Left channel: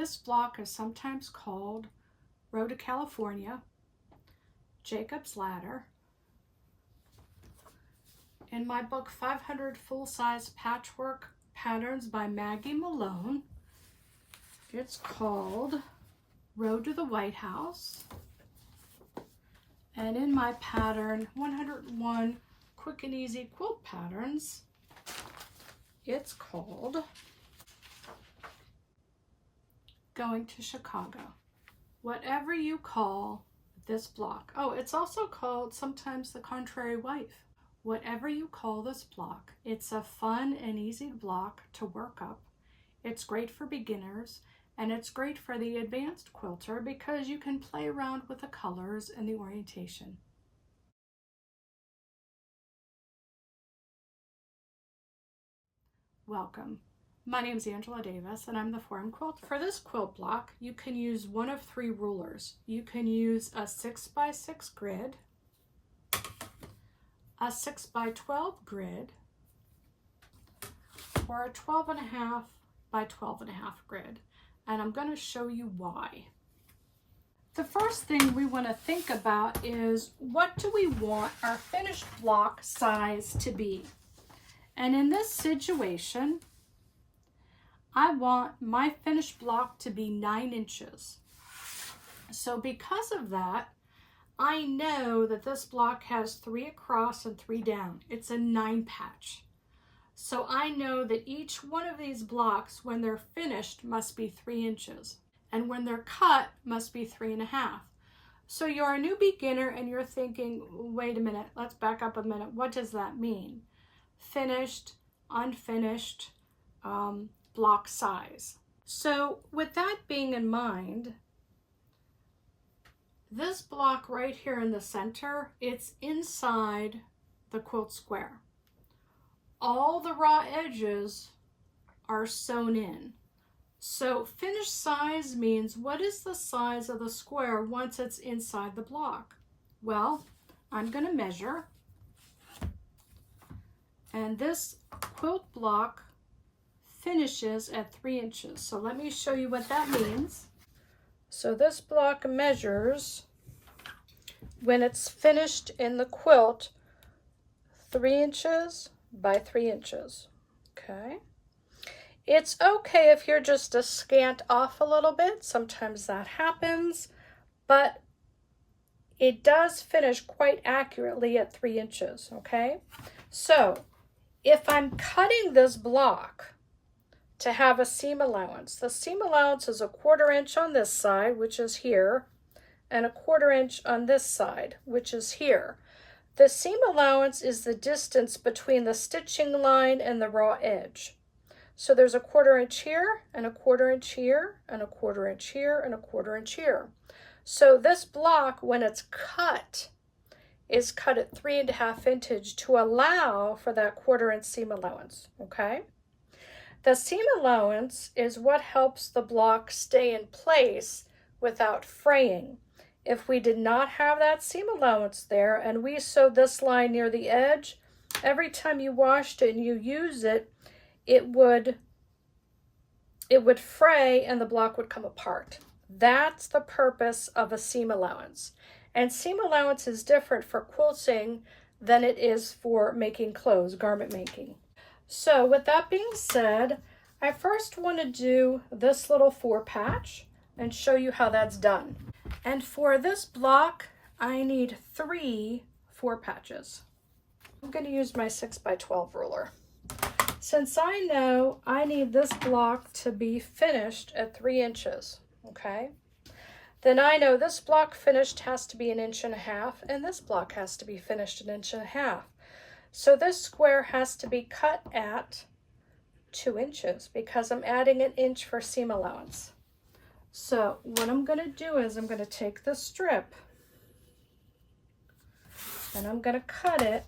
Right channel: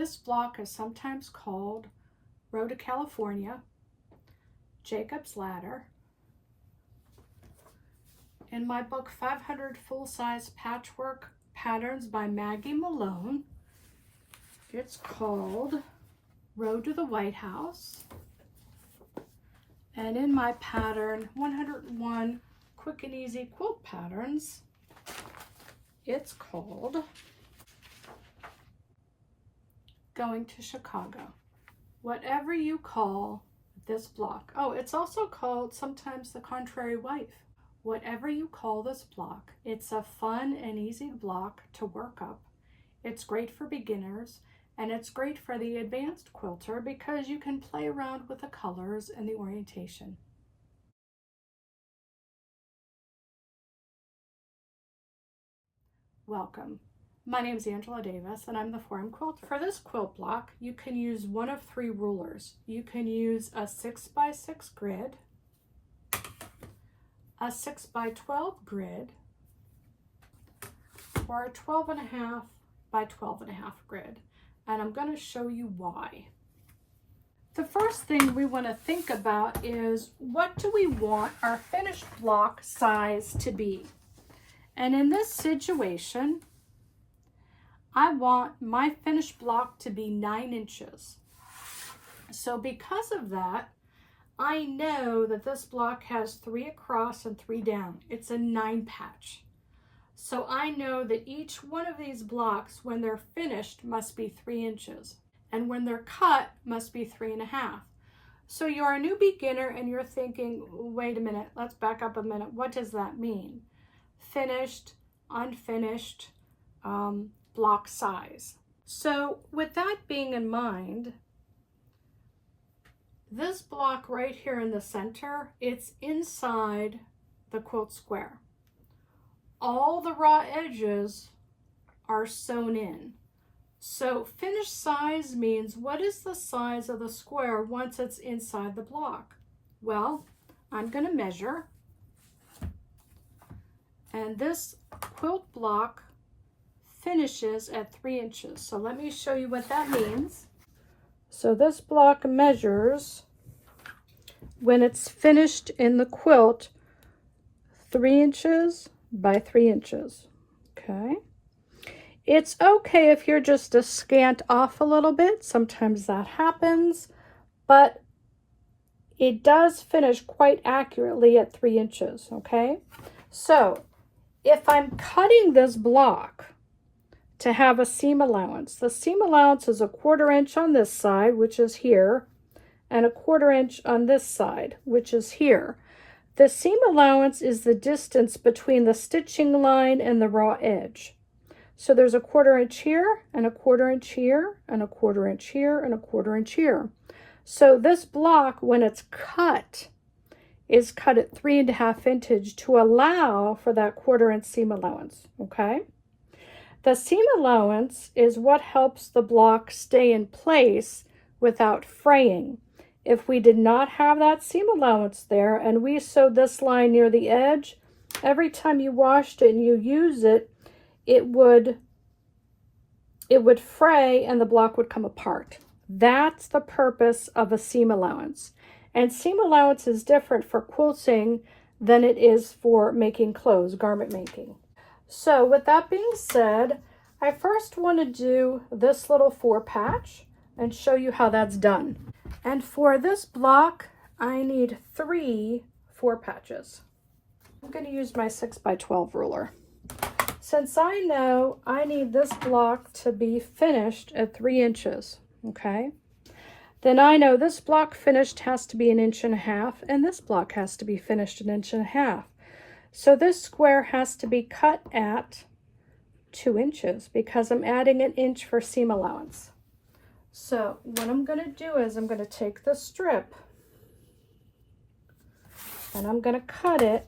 This block is sometimes called Road to California, Jacob's Ladder. In my book, 500 Full-Size Patchwork Patterns by Maggie Malone, it's called Road to the White House. And in my pattern, 101 Quick and Easy Quilt Patterns, it's called Going to Chicago. Whatever you call this block. Oh, it's also called sometimes The Contrary Wife. Whatever you call this block, it's a fun and easy block to work up. It's great for beginners, and it's great for the advanced quilter because you can play around with the colors and the orientation. Welcome. My name is Angela Davis, and I'm the Forum Quilter. For this quilt block, you can use one of 3 rulers. You can use a 6x6 grid, a 6x12 grid, or a 12.5 by 12.5 grid. And I'm going to show you why. The first thing we want to think about is, what do we want our finished block size to be? And in this situation, I want my finished block to be 9 inches. So because of that, I know that this block has 3 across and 3 down. It's a 9 patch. So I know that each one of these blocks, when they're finished, must be 3 inches. And when they're cut, must be 3.5. So you're a new beginner and you're thinking, wait a minute, let's back up a minute. What does that mean? Finished, unfinished, block size. So with that being in mind, this block right here in the center, it's inside the quilt square. All the raw edges are sewn in. So finished size means, what is the size of the square once it's inside the block? Well, I'm going to measure. And this quilt block finishes at 3 inches. So let me show you what that means. So this block measures, when it's finished in the quilt, 3 inches by 3 inches. Okay. It's okay if you're just a scant off a little bit. Sometimes that happens, but it does finish quite accurately at 3 inches. Okay. So if I'm cutting this block to have a seam allowance, the seam allowance is a 1/4 inch on this side, which is here, and a 1/4 inch on this side, which is here. The seam allowance is the distance between the stitching line and the raw edge. So there's a 1/4 inch here, and a 1/4 inch here, and a 1/4 inch here, and a 1/4 inch here. So this block, when it's cut, is cut at 3.5 inches to allow for that 1/4 inch seam allowance, okay? The seam allowance is what helps the block stay in place without fraying. If we did not have that seam allowance there and we sewed this line near the edge, every time you washed it and you use it, it would fray and the block would come apart. That's the purpose of a seam allowance. And seam allowance is different for quilting than it is for making clothes, garment making. So with that being said, I first want to do this little 4 patch and show you how that's done. And for this block, I need 3 4 patches. I'm going to use my 6x12 ruler. Since I know I need this block to be finished at 3 inches, okay, then I know this block finished has to be 1.5 inches, and this block has to be finished 1.5 inches. So this square has to be cut at 2 inches because I'm adding 1 inch for seam allowance. So what I'm going to do is I'm going to take this strip and I'm going to cut it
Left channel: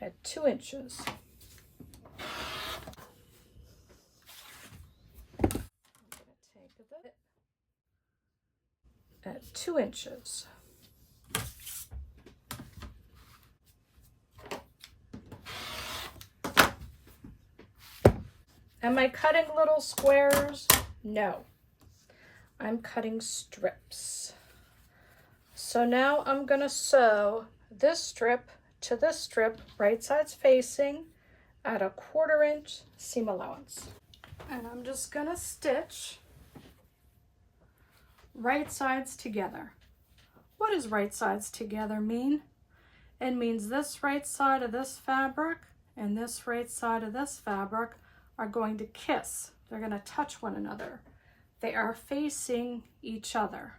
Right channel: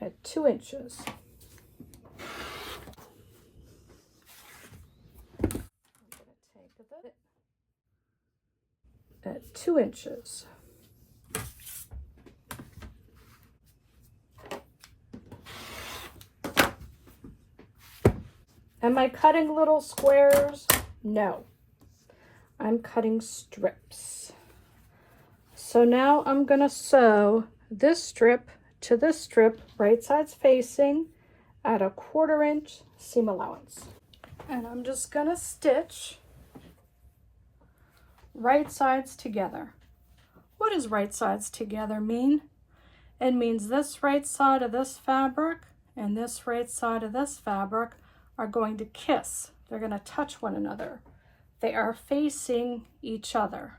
at 2 inches. I'm going to take it at 2 inches. Am I cutting little squares? No. I'm cutting strips. So now I'm going to sew this strip to this strip, right sides facing, at a 1/4 inch seam allowance. And I'm just going to stitch right sides together. What does right sides together mean? It means this right side of this fabric and this right side of this fabric are going to kiss. They're going to touch one another. They are facing each other.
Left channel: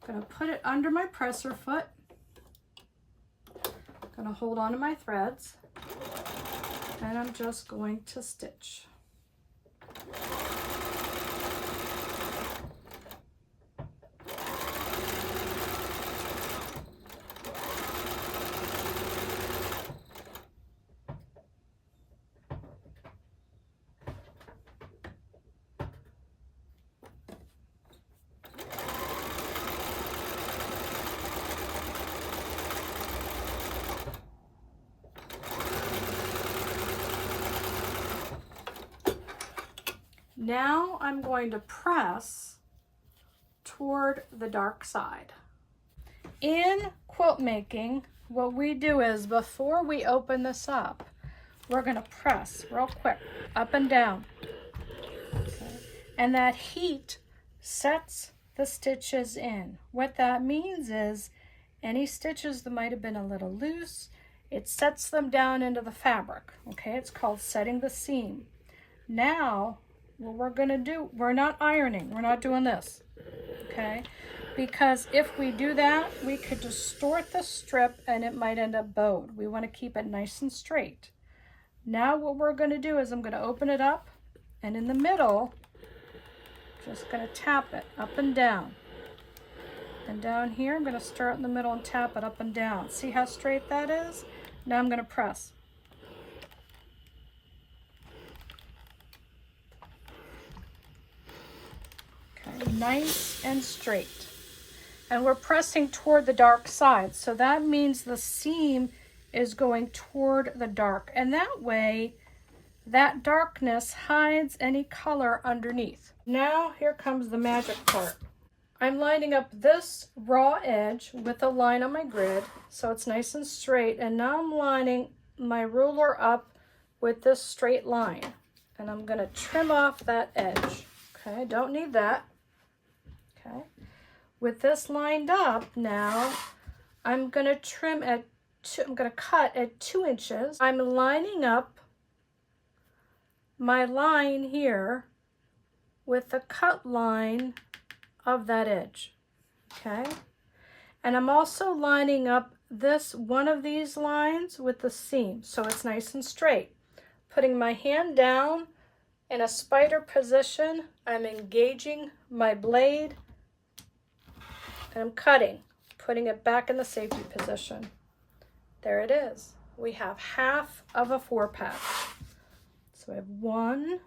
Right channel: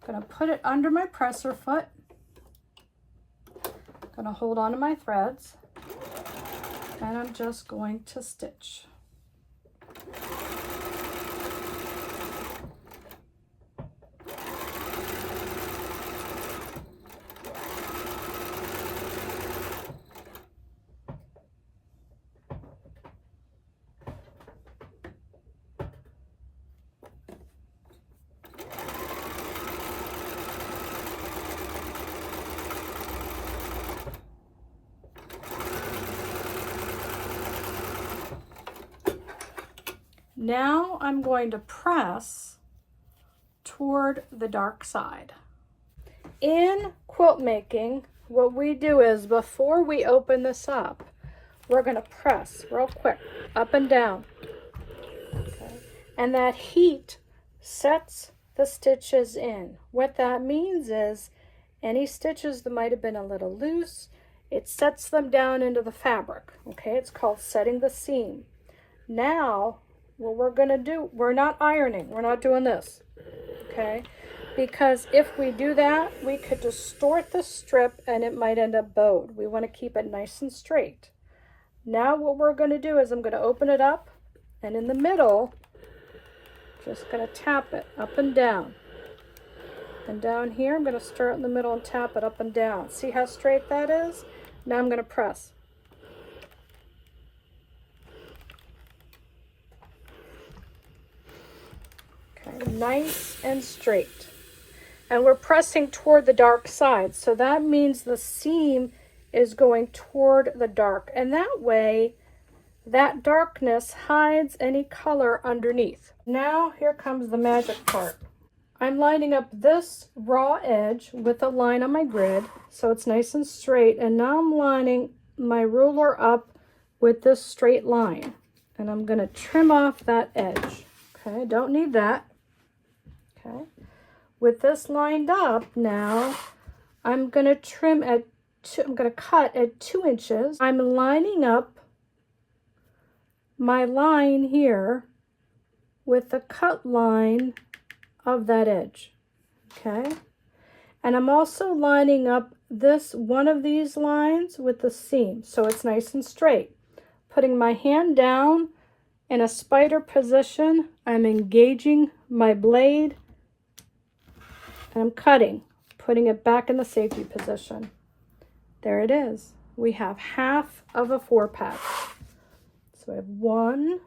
I'm going to put it under my presser foot. I'm going to hold on to my threads, and I'm just going to stitch. Now I'm going to press toward the dark side. In quilt making, what we do is before we open this up, we're going to press real quick up and down. Okay. And that heat sets the stitches in. What that means is any stitches that might have been a little loose, it sets them down into the fabric. Okay, it's called setting the seam. Now, what we're going to do, we're not ironing, we're not doing this, okay? Because if we do that, we could distort the strip and it might end up bowed. We want to keep it nice and straight. Now what we're going to do is I'm going to open it up, and in the middle, just going to tap it up and down. And down here, I'm going to start in the middle and tap it up and down. See how straight that is? Now I'm going to press. Nice and straight, and we're pressing toward the dark side, so that means the seam is going toward the dark, and that way that darkness hides any color underneath. Now here comes the magic part. I'm lining up this raw edge with a line on my grid so it's nice and straight, and now I'm lining my ruler up with this straight line, and I'm going to trim off that edge. Okay, don't need that. Okay, with this lined up now, I'm going to trim at I'm going to cut at 2 inches. I'm lining up my line here with the cut line of that edge. Okay, and I'm also lining up this one of these lines with the seam so it's nice and straight. Putting my hand down in a spider position, I'm engaging my blade. And I'm cutting, putting it back in the safety position. There it is. We have half of a 4-patch. So I have 1,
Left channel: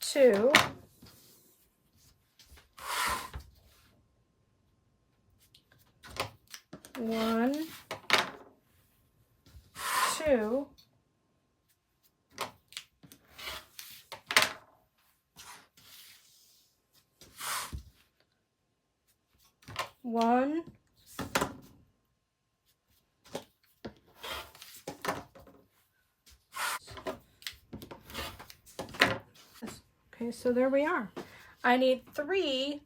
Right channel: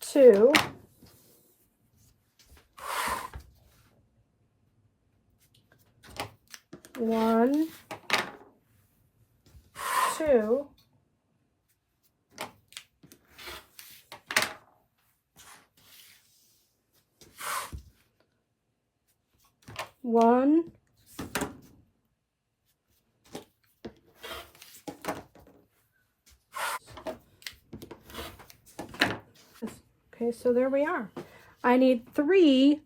2, 1, 2, 1, okay, so there we are. I need three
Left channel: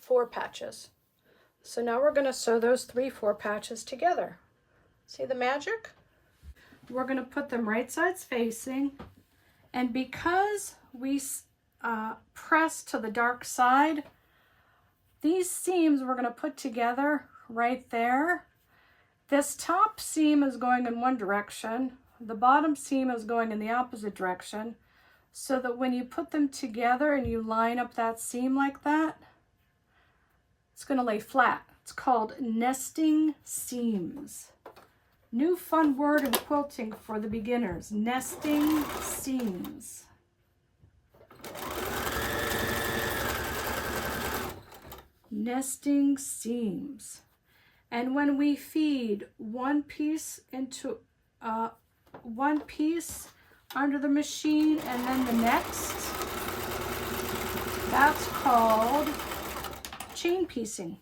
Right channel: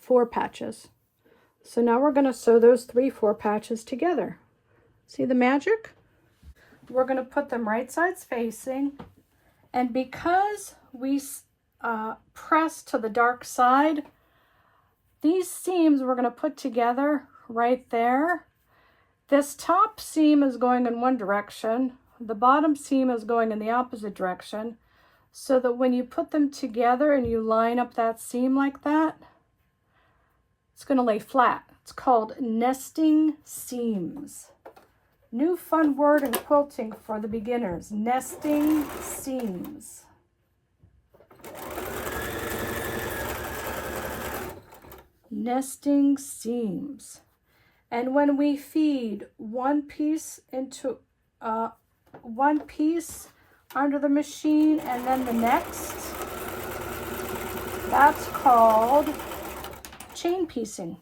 4 patches. So now we're going to sew those 3 4 patches together. See the magic? We're going to put them right sides facing, and because we press to the dark side, these seams we're going to put together right there. This top seam is going in one direction, the bottom seam is going in the opposite direction, so that when you put them together and you line up that seam like that, it's going to lay flat. It's called nesting seams. New fun word in quilting for the beginners, nesting seams. Nesting seams. And when we feed one piece into one piece under the machine and then the next, that's called chain piecing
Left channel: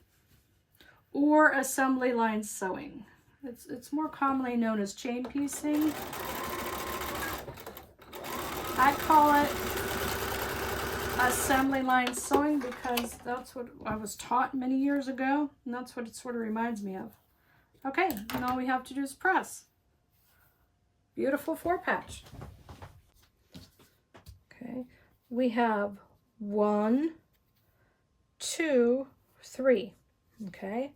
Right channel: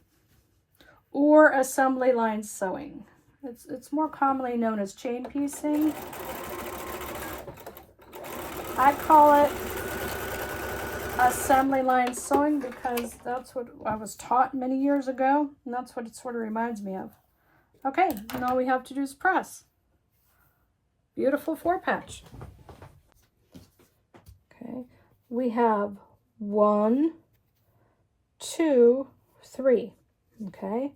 or assembly line sewing. It's more commonly known as chain piecing. I call it assembly line sewing because that's what I was taught many years ago, and that's what it sort of reminds me of. Okay, and all we have to do is press. Beautiful 4-patch. Okay, we have 1, 2, 3. Okay,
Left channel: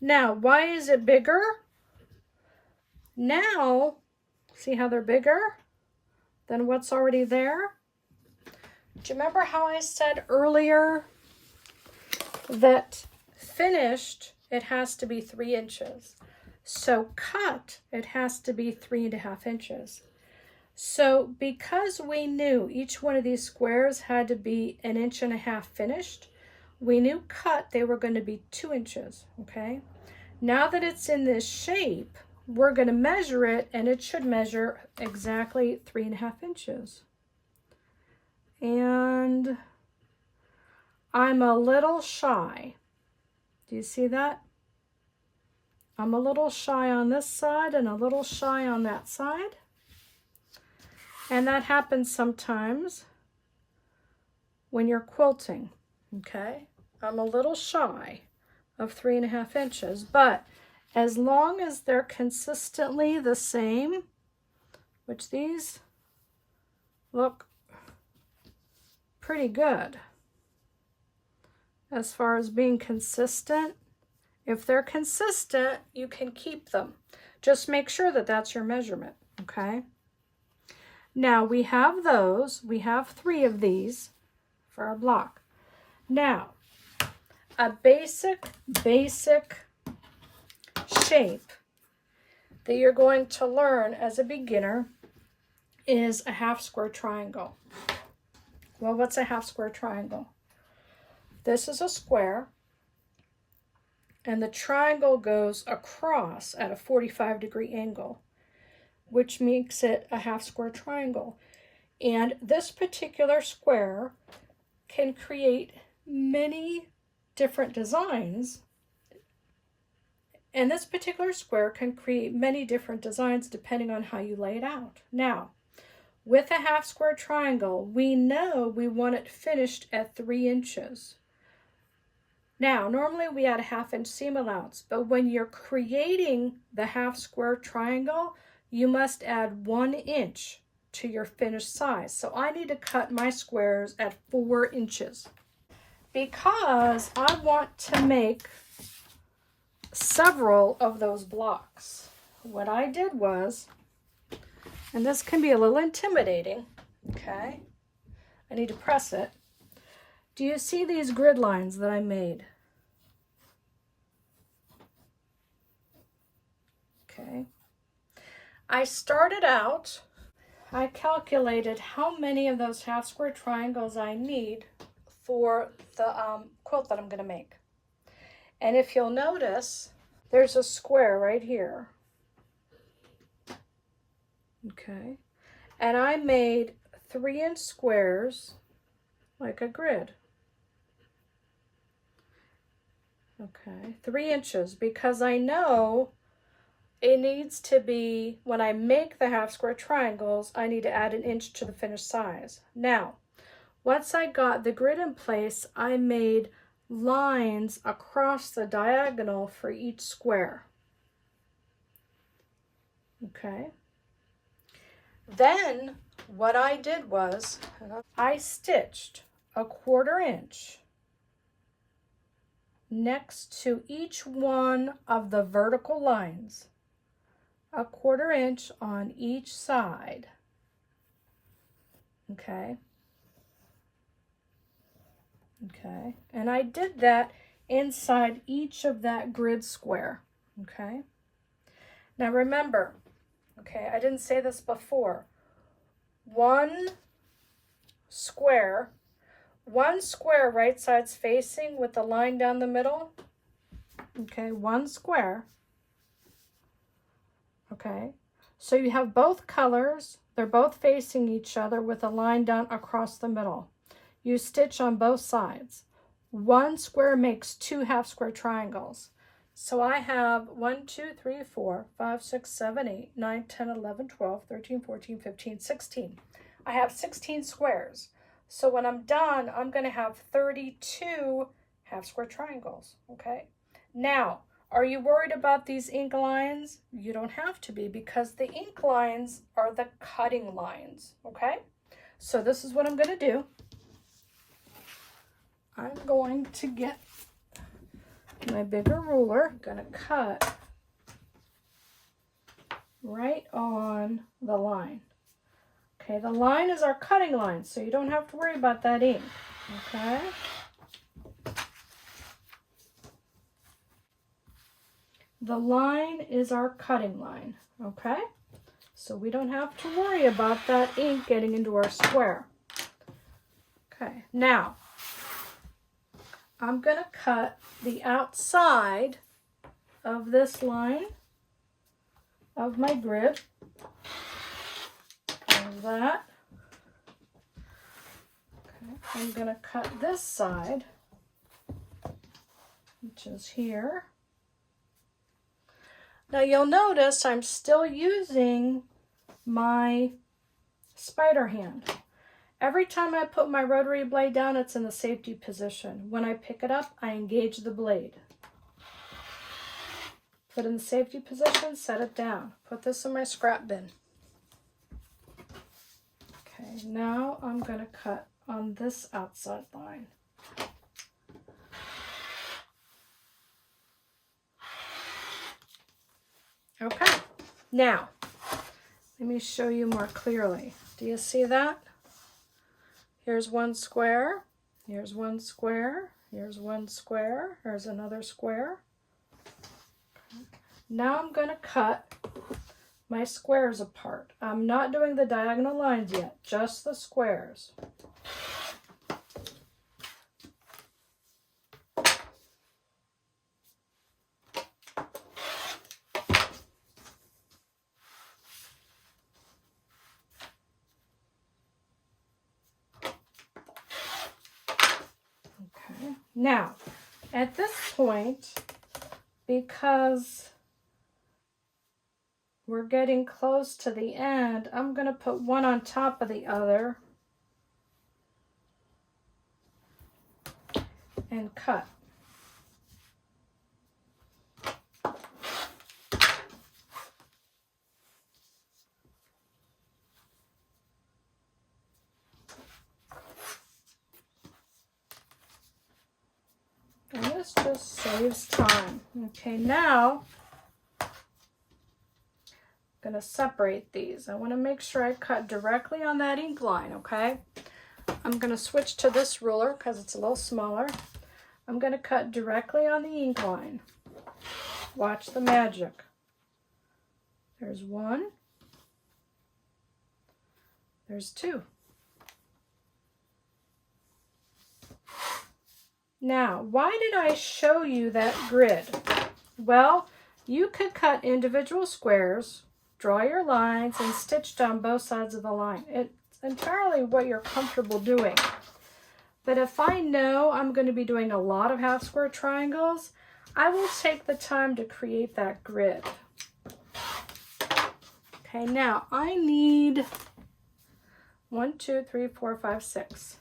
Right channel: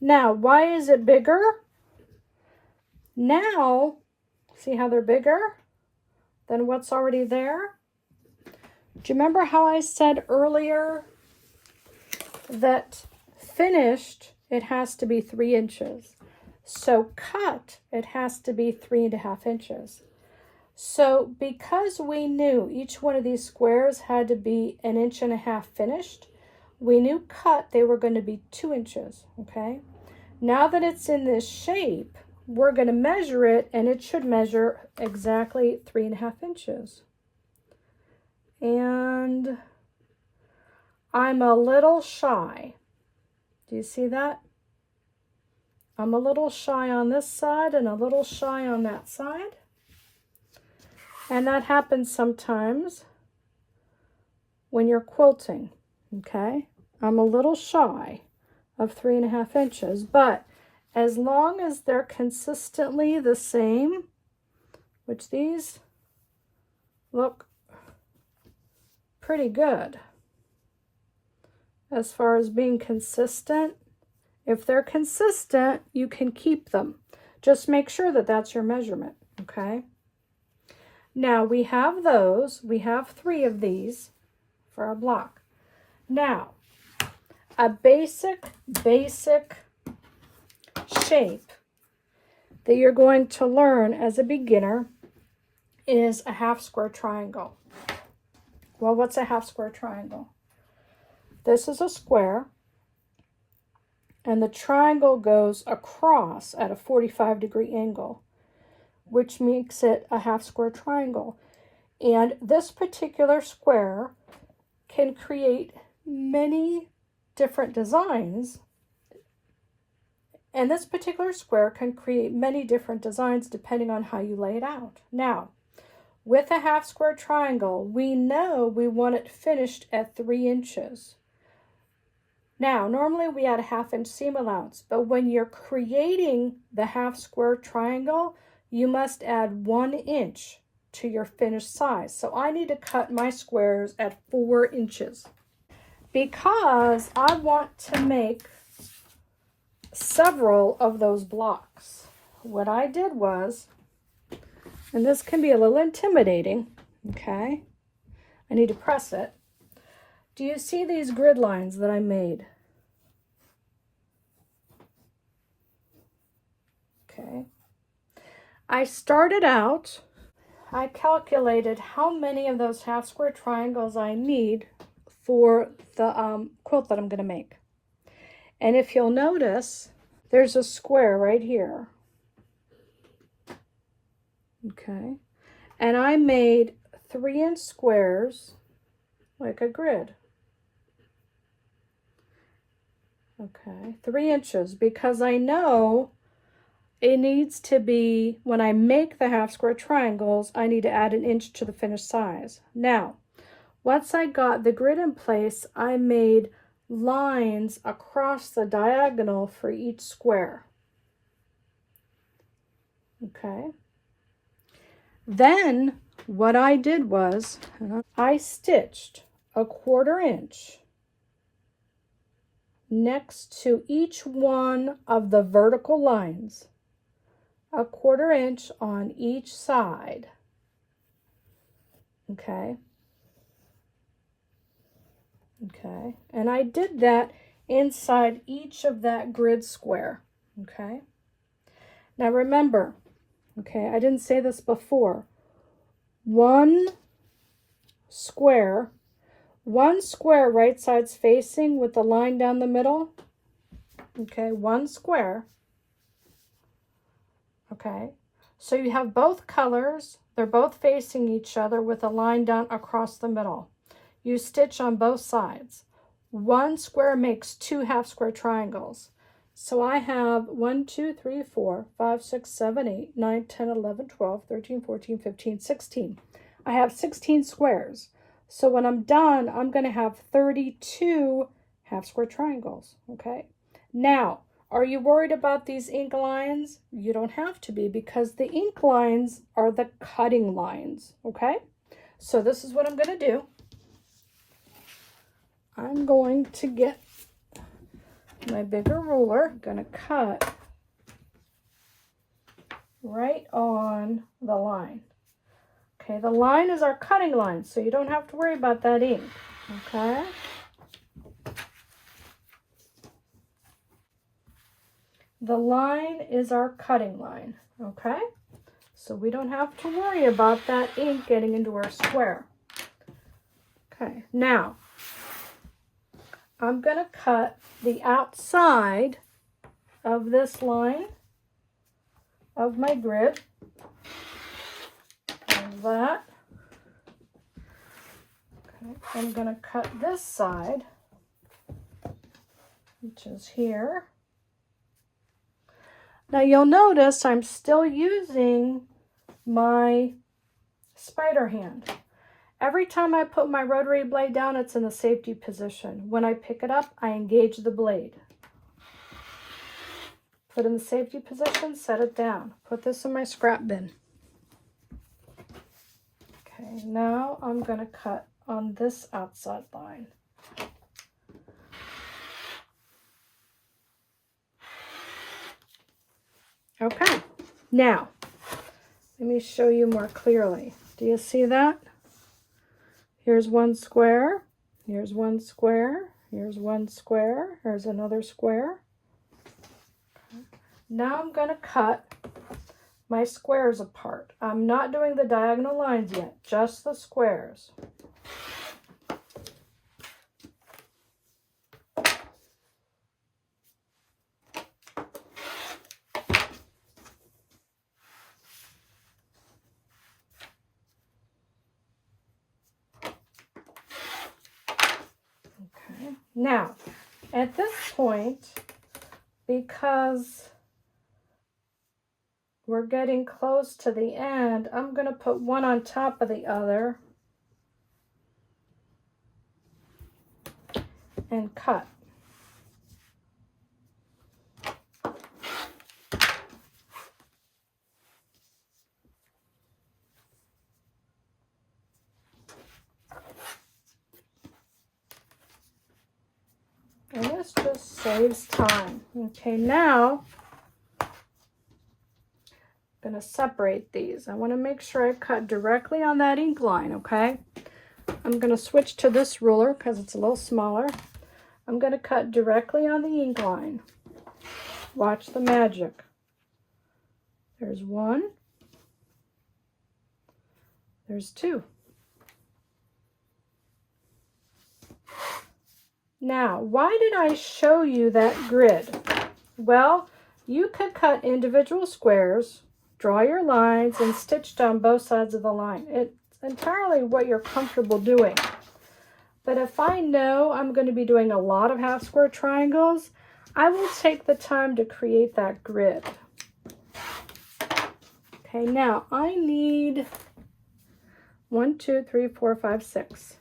now why is it bigger? Now, see how they're bigger than what's already there? Do you remember how I said earlier that finished, it has to be 3 inches. So cut, it has to be 3.5 inches. So because we knew each one of these squares had to be 1.5 inches finished, we knew cut, they were going to be 2 inches, okay? Now that it's in this shape, we're going to measure it, and it should measure exactly 3.5 inches. And I'm a little shy. Do you see that? I'm a little shy on this side and a little shy on that side. And that happens sometimes when you're quilting, okay? I'm a little shy of 3.5 inches, but as long as they're consistently the same, which these look pretty good as far as being consistent. If they're consistent, you can keep them. Just make sure that that's your measurement, okay? Now we have those. We have 3 of these for our block. Now, a basic shape that you're going to learn as a beginner is a half square triangle. Well, what's a half square triangle? This is a square, and the triangle goes across at a 45-degree angle, which makes it a half square triangle. And this particular square can create many different designs. And this particular square can create many different designs depending on how you lay it out. Now, with a half square triangle, we know we want it finished at 3 inches. Now, normally we add a 1/2 inch seam allowance, but when you're creating the half square triangle, you must add 1 inch to your finished size. So I need to cut my squares at 4 inches because I want to make several of those blocks. What I did was, and this can be a little intimidating, okay? I need to press it. Do you see these grid lines that I made? Okay. I started out, I calculated how many of those half square triangles I need for the quilt that I'm going to make. And if you'll notice, there's a square right here. Okay. And I made 3-inch squares like a grid. Okay, 3 inches, because I know it needs to be, when I make the half square triangles, I need to add 1 inch to the finished size. Now, once I got the grid in place, I made lines across the diagonal for each square. Okay. Then what I did was I stitched a 1/4 inch next to each one of the vertical lines, a 1/4 inch on each side. Okay. Okay. And I did that inside each of that grid square. Okay. Now remember, okay, I didn't say this before. One square right sides facing with the line down the middle, okay, one square, okay? So you have both colors, they're both facing each other with a line down across the middle. You stitch on both sides. One square makes 2 half square triangles. So I have 1, 2, 3, 4, 5, 6, 7, 8, 9, 10, 11, 12, 13, 14, 15, 16. I have 16 squares. So when I'm done, I'm going to have 32 half square triangles, okay? Now, are you worried about these ink lines? You don't have to be, because the ink lines are the cutting lines, okay? So this is what I'm going to do. I'm going to get my bigger ruler. I'm going to cut right on the line. Okay, the line is our cutting line, so you don't have to worry about that ink, okay? The line is our cutting line, okay? So we don't have to worry about that ink getting into our square. Okay, now I'm going to cut the outside of this line of my grid, like that. Okay, I'm going to cut this side, which is here. Now you'll notice I'm still using my spider hand. Every time I put my rotary blade down, it's in the safety position. When I pick it up, I engage the blade. Put in the safety position, set it down. Put this in my scrap bin. Okay, now I'm going to cut on this outside line. Okay, now let me show you more clearly. Do you see that? Here's one square, here's one square, here's one square, here's another square. Okay. Now I'm going to cut my squares apart. I'm not doing the diagonal lines yet, just the squares. Now, at this point, because we're getting close to the end, I'm going to put one on top of the other and cut. And this just saves time. Okay, now I'm going to separate these. I want to make sure I cut directly on that ink line, okay? I'm going to switch to this ruler because it's a little smaller. I'm going to cut directly on the ink line. Watch the magic. There's one. There's two. Now, why did I show you that grid? Well, you could cut individual squares, draw your lines, and stitch down both sides of the line. It's entirely what you're comfortable doing. But if I know I'm going to be doing a lot of half square triangles, I will take the time to create that grid. Okay, now I need 1, 2, 3, 4, 5, 6.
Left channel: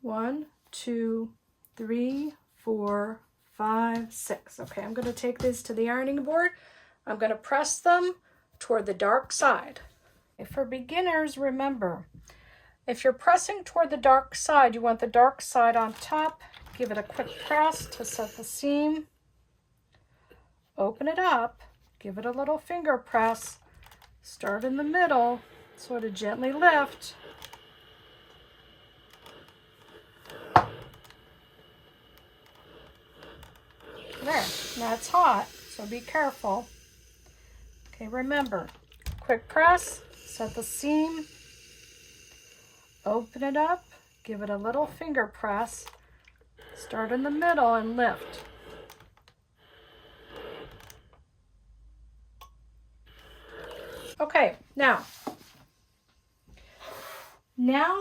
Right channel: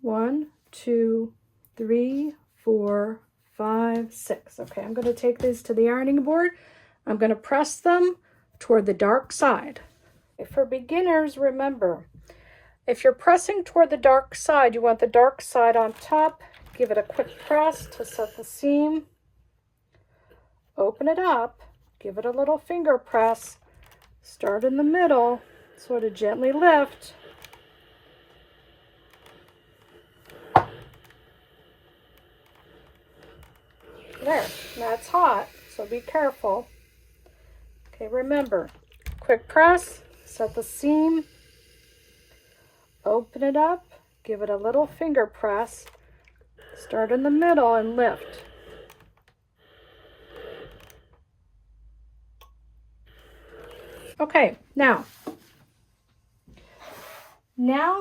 1, 2, 3, 4, 5, 6. Okay, I'm going to take these to the ironing board. I'm going to press them toward the dark side. For beginners, remember, if you're pressing toward the dark side, you want the dark side on top. Give it a quick press to set the seam. Open it up. Give it a little finger press. Start in the middle. Sort of gently lift. There, that's hot, so be careful. Okay, remember, quick press, set the seam, open it up, give it a little finger press, start in the middle and lift. Okay, now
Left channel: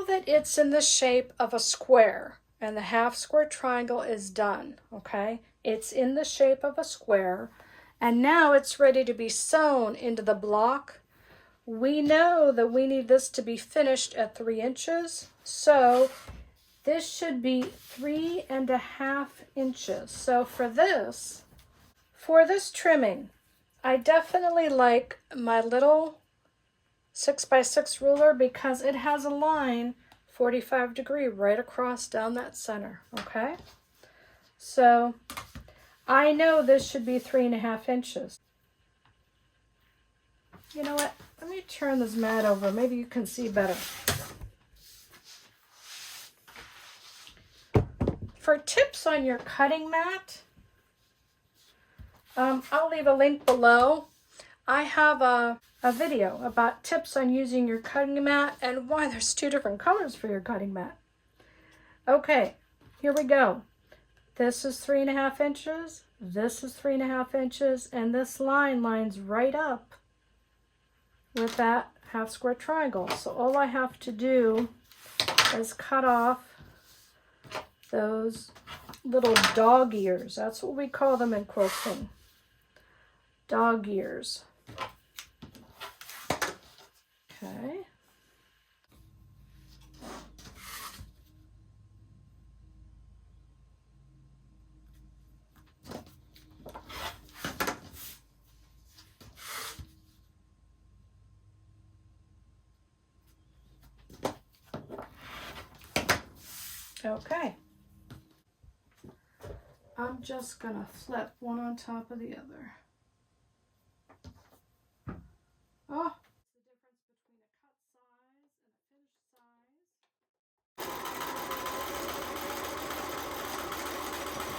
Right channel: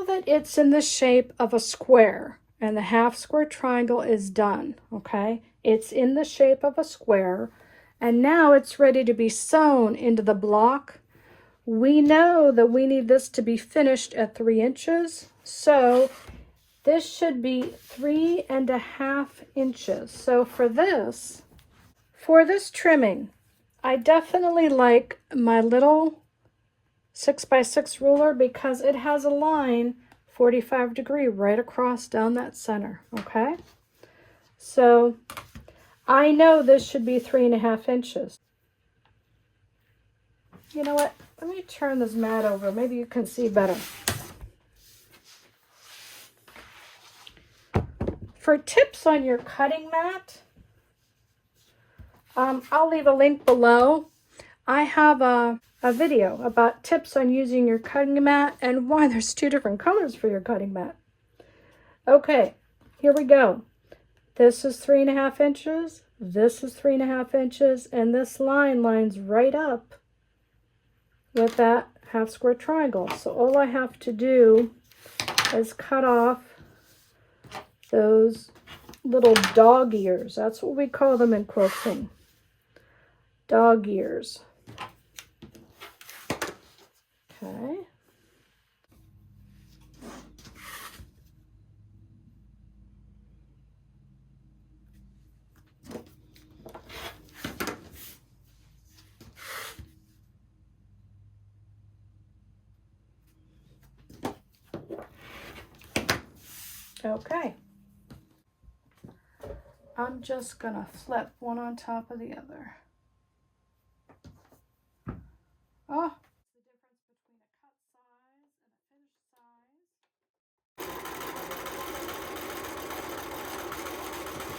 that it's in the shape of a square and the half square triangle is done, okay, it's in the shape of a square, and now it's ready to be sewn into the block. We know that we need this to be finished at 3 inches, so this should be 3.5 inches. So for this trimming, I definitely like my little 6x6 ruler because it has a line 45-degree right across down that center, okay? So I know this should be 3.5 inches. You know what? Let me turn this mat over. Maybe you can see better. For tips on your cutting mat, I'll leave a link below. I have a video about tips on using your cutting mat and why there's 2 different colors for your cutting mat. Okay, here we go. This is 3.5 inches, this is 3.5 inches, and this line lines right up with that half square triangle. So all I have to do is cut off those little dog ears. That's what we call them in quilting. Dog ears. Okay. Okay. I'm just gonna flip one on top of the other. Oh, the difference between a cut size and a finished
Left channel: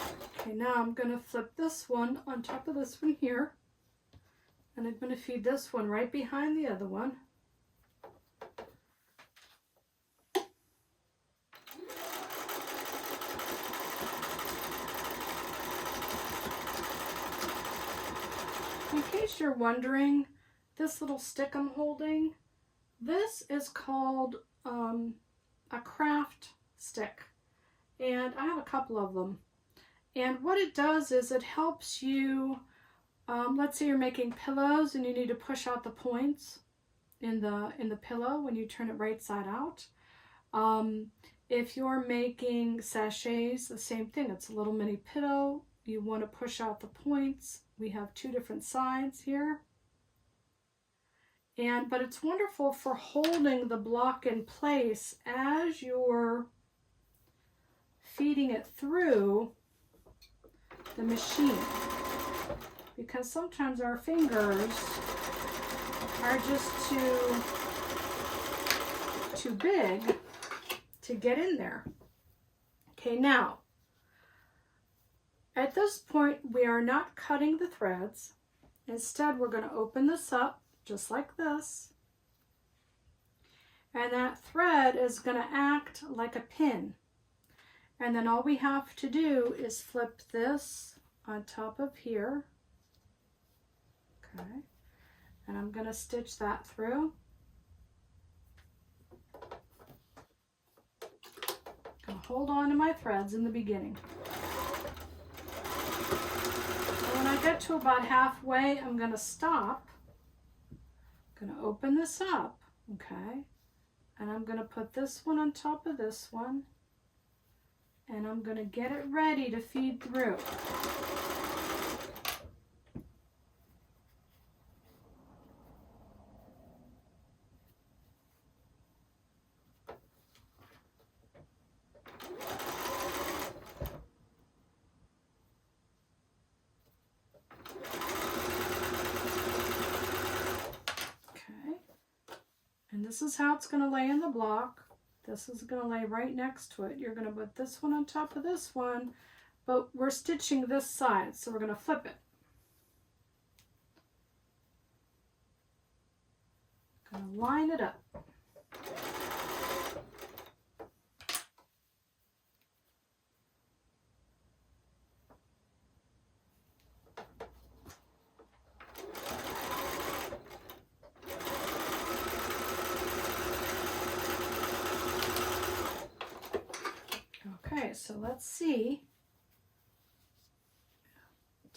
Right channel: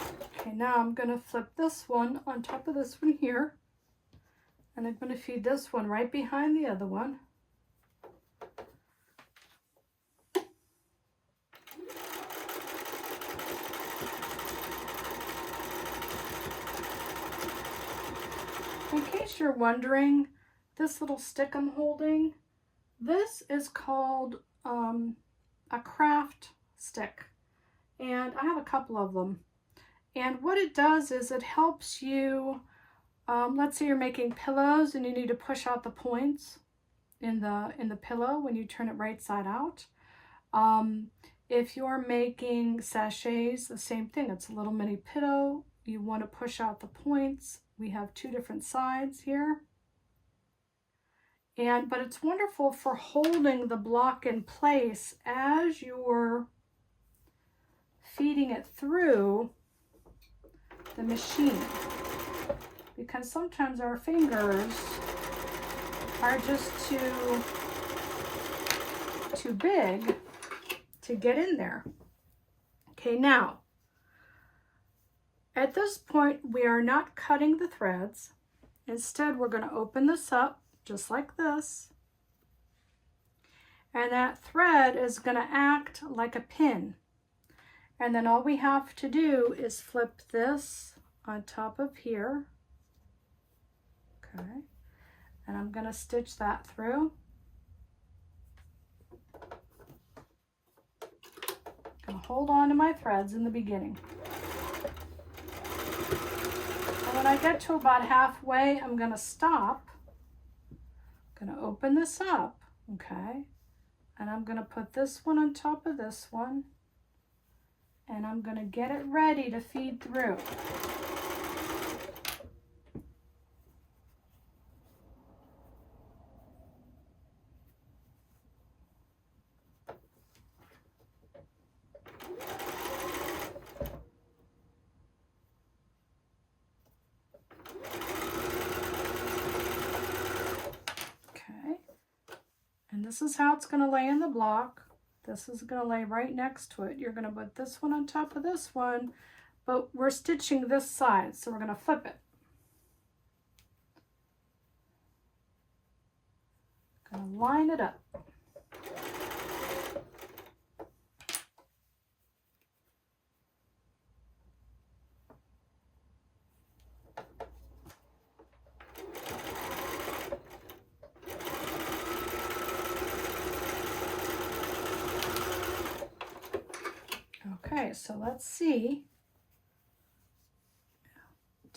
size. Okay, now I'm gonna flip this one on top of this one here, and I'm gonna feed this one right behind the other one. In case you're wondering, this little stick I'm holding, this is called a craft stick, and I have a couple of them. And what it does is it helps you, let's say you're making pillows and you need to push out the points in the pillow when you turn it right side out. If you're making sachets, the same thing. It's a little mini pillow. You want to push out the points. We have 2 different sides here. But it's wonderful for holding the block in place as you're feeding it through the machine, because sometimes our fingers are just too big to get in there. Okay, now at this point we are not cutting the threads. Instead, we're going to open this up just like this, and that thread is going to act like a pin. And then all we have to do is flip this on top of here. Okay. And I'm going to stitch that through. I'm going to hold on to my threads in the beginning. And when I get to about halfway, I'm going to stop. I'm going to open this up. Okay. And I'm going to put this one on top of this one. And I'm going to get it ready to feed through. Okay. And this is how it's going to lay in the block. This is going to lay right next to it. You're going to put this one on top of this one, but we're stitching this side, so we're going to flip it. Going to line it up. so let's see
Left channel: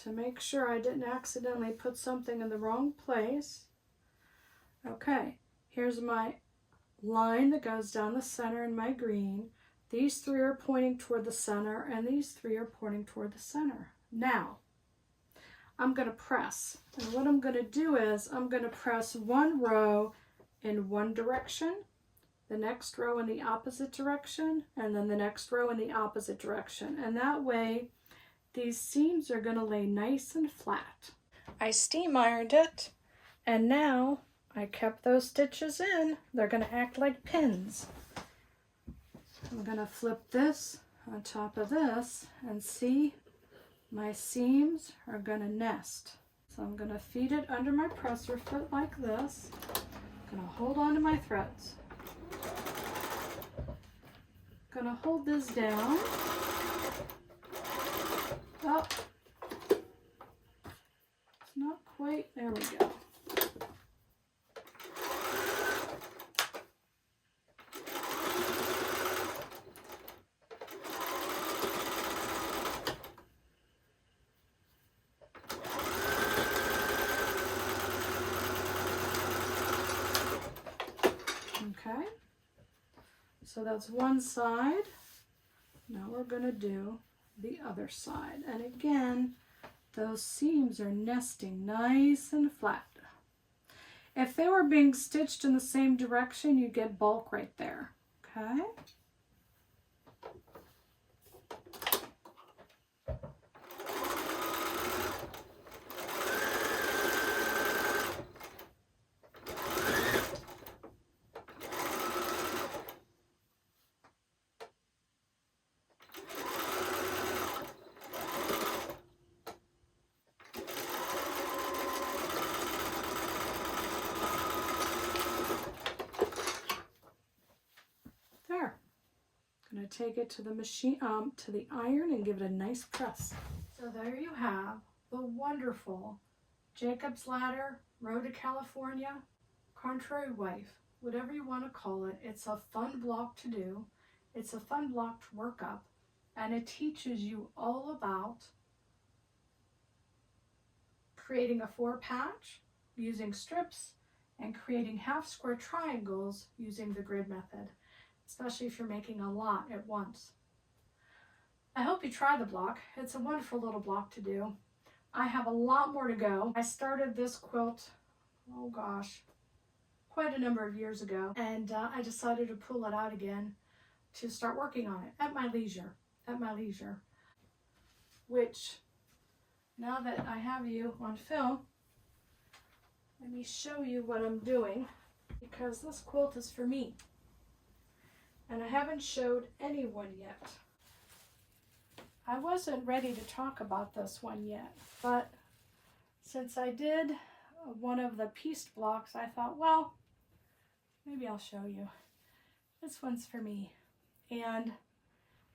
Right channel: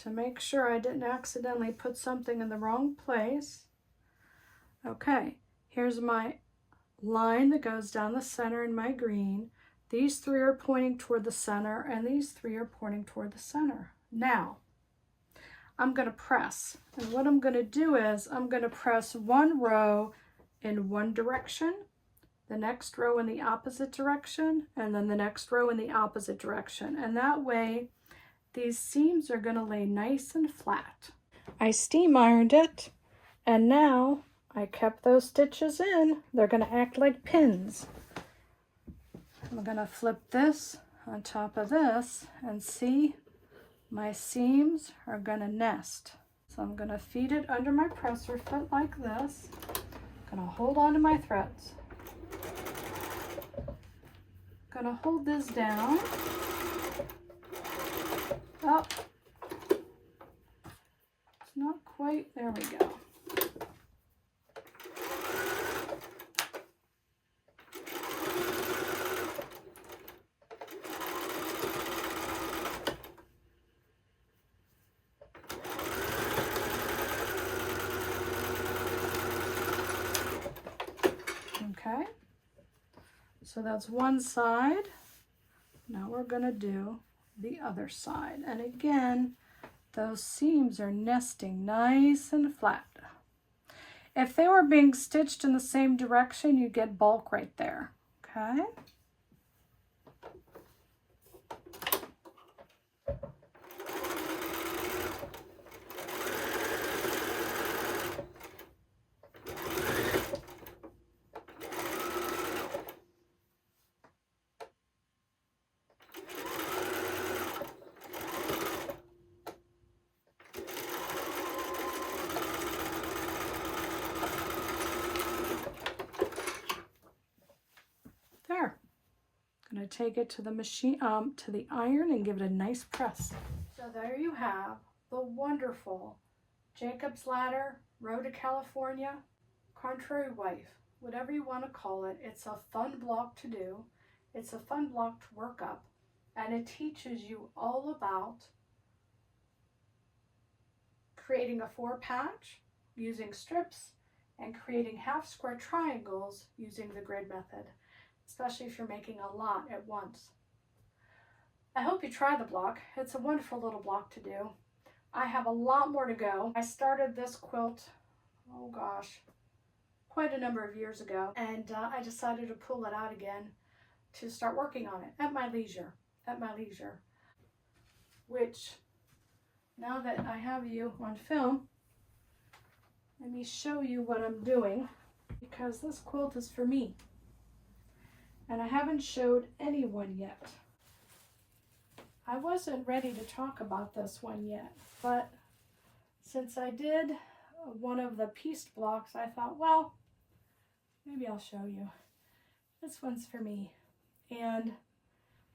to make sure I didn't accidentally put something in the wrong place. Okay, here's my line that goes down the center in my green. These three are pointing toward the center, and these three are pointing toward the center. Now, I'm going to press. And what I'm going to do is I'm going to press one row in one direction, the next row in the opposite direction, and then the next row in the opposite direction. And that way, these seams are going to lay nice and flat. I steam ironed it, and now I kept those stitches in. They're going to act like pins. I'm going to flip this on top of this, and see, my seams are going to nest. So I'm going to feed it under my presser foot like this. I'm going to hold on to my threads. Going to hold this down. Oh, it's not quite, there we go. Okay, so that's one side. Now we're going to do the other side. And again, those seams are nesting nice and flat. If they were being stitched in the same direction, you get bulk right there. Okay. There. I'm going to take it to the machine, to the iron, and give it a nice press. So there you have the wonderful Jacob's Ladder, Road to California, Contrary Wife, whatever you want to call it. It's a fun block to do. It's a fun block to work up, and it teaches you all about creating a 4-patch using strips and creating half square triangles using the grid method, especially if you're making a lot at once. I hope you try the block. It's a wonderful little block to do. I have a lot more to go. I started this quilt, oh gosh, quite a number of years ago, and I decided to pull it out again to start working on it at my leisure, which, now that I have you on film, let me show you what I'm doing, because this quilt is for me. And I haven't showed anyone yet. I wasn't ready to talk about this one yet, but since I did one of the pieced blocks, I thought, well, maybe I'll show you. This one's for me. And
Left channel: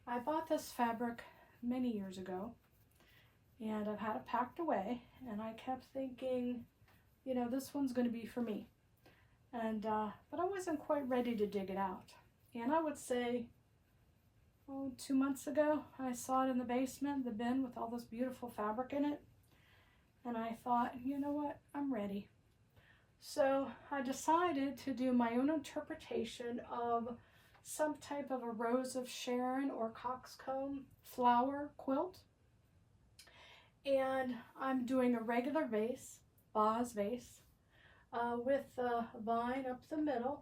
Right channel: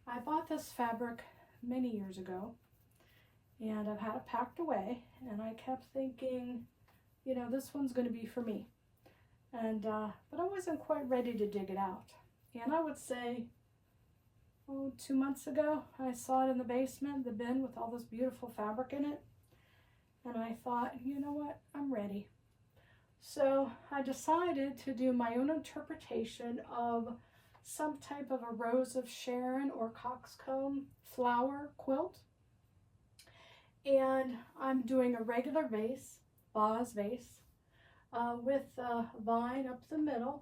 I bought this fabric many years ago, and I've had it packed away, and I kept thinking, you know, this one's going to be for me. And but I wasn't quite ready to dig it out. And I would say, 2 months ago, I saw it in the basement, the bin with all this beautiful fabric in it. And I thought, you know what, I'm ready. So I decided to do my own interpretation of some type of a Rose of Sharon or coxcomb flower quilt. And I'm doing a regular vase, vase vase, with a vine up the middle,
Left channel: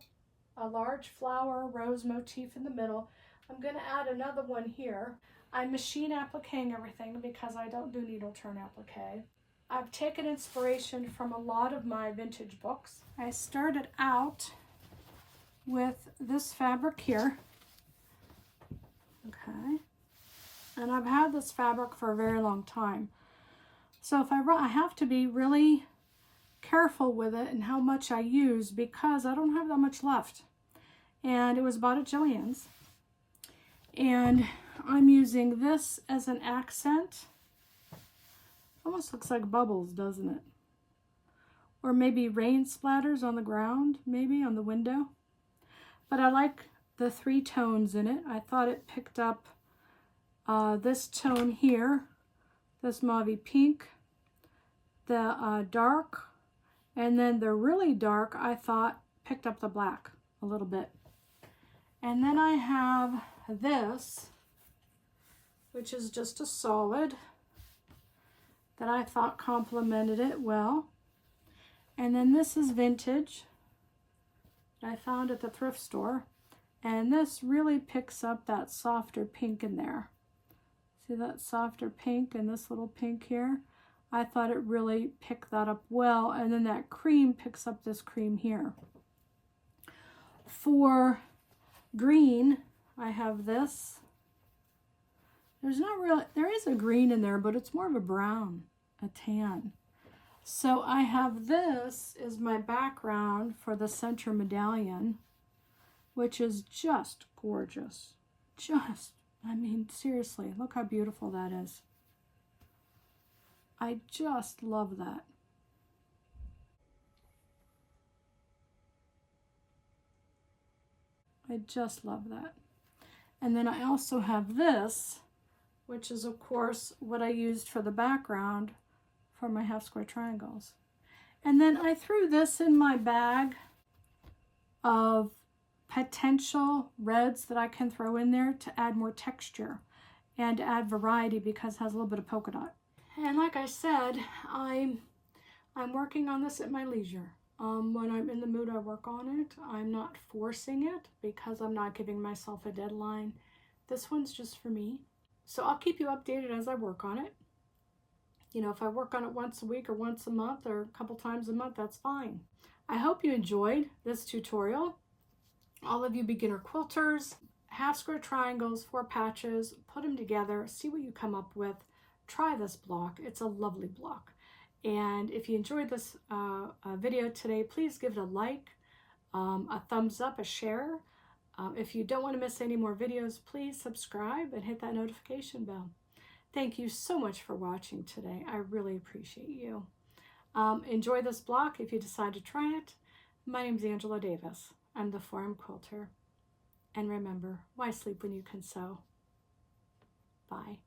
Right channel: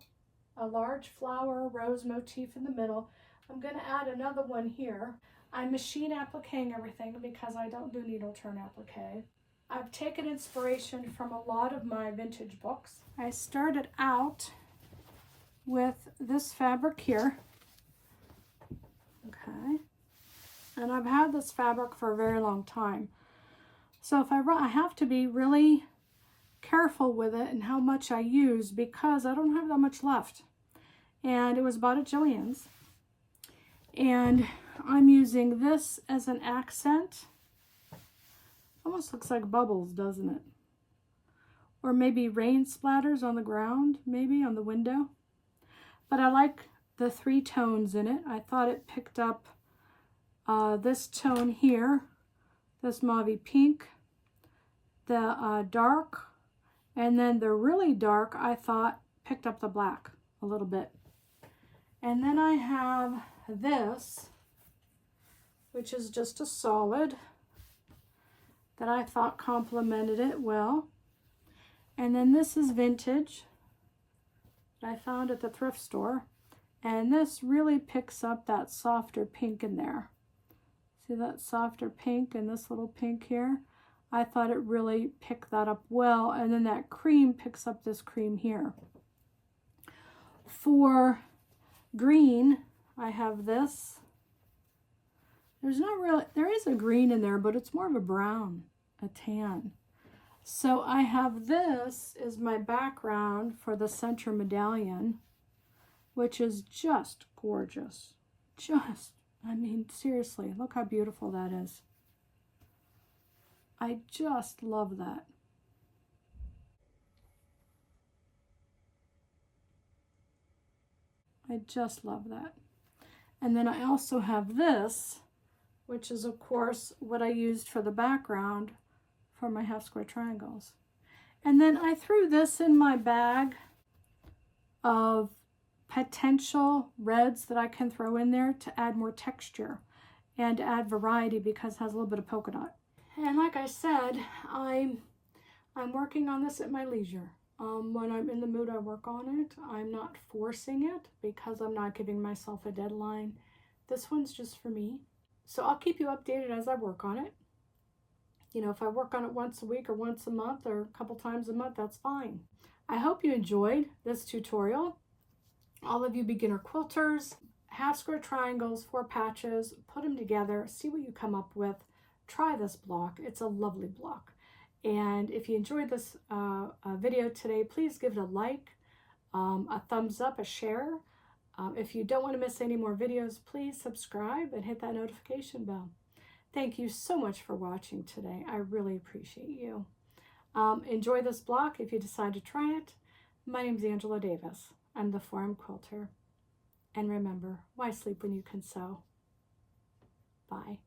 a large flower rose motif in the middle. I'm going to add another one here. I'm machine appliquing everything because I don't do needle turn applique. I've taken inspiration from a lot of my vintage books. I started out with this fabric here. Okay. And I've had this fabric for a very long time. So if I have to be really careful with it and how much I use, because I don't have that much left. And it was bought at Joann's. And I'm using this as an accent. Almost looks like bubbles, doesn't it? Or maybe rain splatters on the ground, maybe on the window. But I like the 3 tones in it. I thought it picked up this tone here, this mauvey pink, the dark, and then the really dark, I thought, picked up the black a little bit. And then I have this, which is just a solid that I thought complemented it well. And then this is vintage that I found at the thrift store. And this really picks up that softer pink in there. See that softer pink and this little pink here? I thought it really picked that up well. And then that cream picks up this cream here. For green, I have this. There's not really, there is a green in there, but it's more of a brown, a tan. So I have this as my background for the center medallion, which is just gorgeous. I mean, seriously, look how beautiful that is. I just love that. I just love that. And then I also have this, which is of course what I used for the background for my half square triangles. And then I threw this in my bag of potential reds that I can throw in there to add more texture and add variety because it has a little bit of polka dot. And like I said, I'm working on this at my leisure. When I'm in the mood, I work on it. I'm not forcing it because I'm not giving myself a deadline. This one's just for me. So I'll keep you updated as I work on it. You know, if I work on it once a week or once a month or a couple times a month, that's fine. I hope you enjoyed this tutorial. All of you beginner quilters, half square triangles, 4 patches, put them together, see what you come up with. Try this block. It's a lovely block. And if you enjoyed this video today, please give it a like, a thumbs up, a share. If you don't want to miss any more videos, please subscribe and hit that notification bell. Thank you so much for watching today. I really appreciate you. Enjoy this block if you decide to try it. My name is Angela Davis. I'm the Forum Quilter. And remember, why sleep when you can sew? Bye.